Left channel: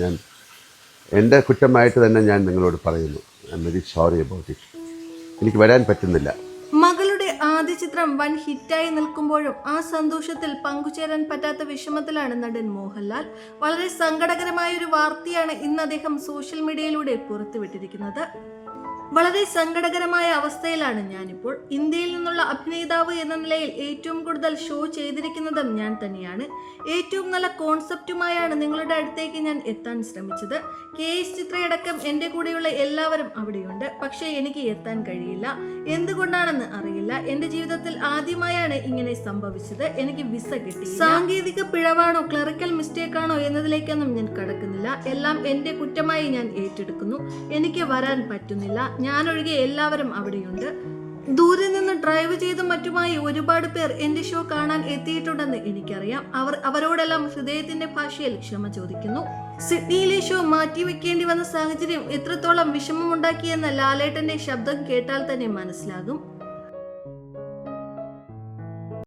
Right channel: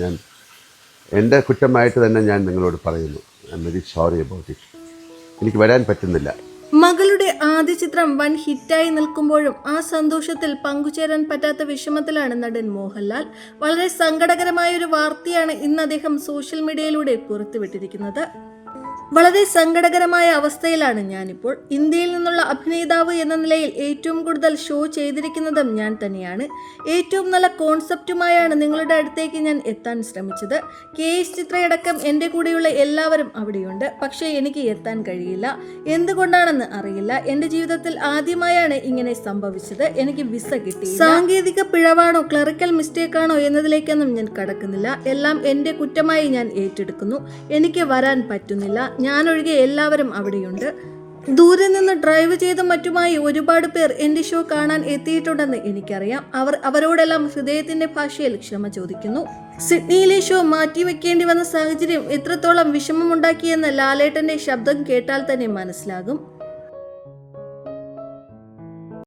ഞാൻ എൻ്റെ കുറ്റമായിട്ട് തന്നെ ഞാൻ നിങ്ങളോട് പറയുന്നു. I am very sorry about it. എനിക്ക് വരാൻ പറ്റുന്നില്ല. മകളുടെ ആദ്യ ചിത്രം വൻ ഹിറ്റായി നിൽക്കുമ്പോഴും ആ സന്തോഷത്തിൽ പങ്കുചേരാൻ പറ്റാത്ത വിഷമത്തിലാണ് നടൻ മോഹൻലാൽ. വളരെ സങ്കടകരമായ ഒരു വാർത്തയാണ് ഇന്ന് അദ്ദേഹം സോഷ്യൽ മീഡിയയിലൂടെ പുറത്തുവിട്ടിരിക്കുന്നത്. വളരെ സങ്കടകരമായ അവസ്ഥയിലാണ് ഞാനിപ്പോൾ. ഇന്ത്യയിൽ നിന്നുള്ള അഭിനേതാവ് എന്ന നിലയിൽ ഏറ്റവും കൂടുതൽ ഷോ ചെയ്തിരിക്കുന്നതും ഞാൻ തന്നെയാണ്. ഏറ്റവും നല്ല കോൺസെപ്റ്റുമായാണ് നിങ്ങളുടെ അടുത്തേക്ക് ഞാൻ എത്താൻ ശ്രമിച്ചത്. KS ചിത്രയടക്കം എൻ്റെ കൂടെയുള്ള എല്ലാവരും അവിടെയുണ്ട്. പക്ഷേ എനിക്ക് എത്താൻ കഴിയില്ല. എന്തുകൊണ്ടാണെന്ന് അറിയില്ല. എൻ്റെ ജീവിതത്തിൽ ആദ്യമായാണ് ഇങ്ങനെ സംഭവിച്ചത്. എനിക്ക് വിസ കിട്ടി. സാങ്കേതിക പിഴവാണോ ക്ലറിക്കൽ മിസ്റ്റേക്കാണോ എന്നതിലേക്കൊന്നും ഞാൻ കടക്കുന്നില്ല. എല്ലാം എൻ്റെ കുറ്റമായി ഞാൻ ഏറ്റെടുക്കുന്നു. എനിക്ക് വരാൻ പറ്റുന്നില്ല. ഞാനൊഴികെ എല്ലാവരും അവിടെയുണ്ട്. ദൂരെ നിന്ന് ഡ്രൈവ് ചെയ്തും മറ്റുമായി ഒരുപാട് പേർ എൻ്റെ ഷോ കാണാൻ എത്തിയിട്ടുണ്ടെന്ന് എനിക്കറിയാം. അവരോടെല്ലാം ഹൃദയത്തിൻ്റെ ഭാഷയിൽ ക്ഷമ ചോദിക്കുന്നു. സിഡ്നിയിലെ ഷോ മാറ്റിവെക്കേണ്ടി വന്ന സാഹചര്യം എത്രത്തോളം വിഷമമുണ്ടാക്കിയെന്ന് ലാലേട്ടൻ്റെ ശബ്ദം കേട്ടാൽ തന്നെ മനസ്സിലാകും.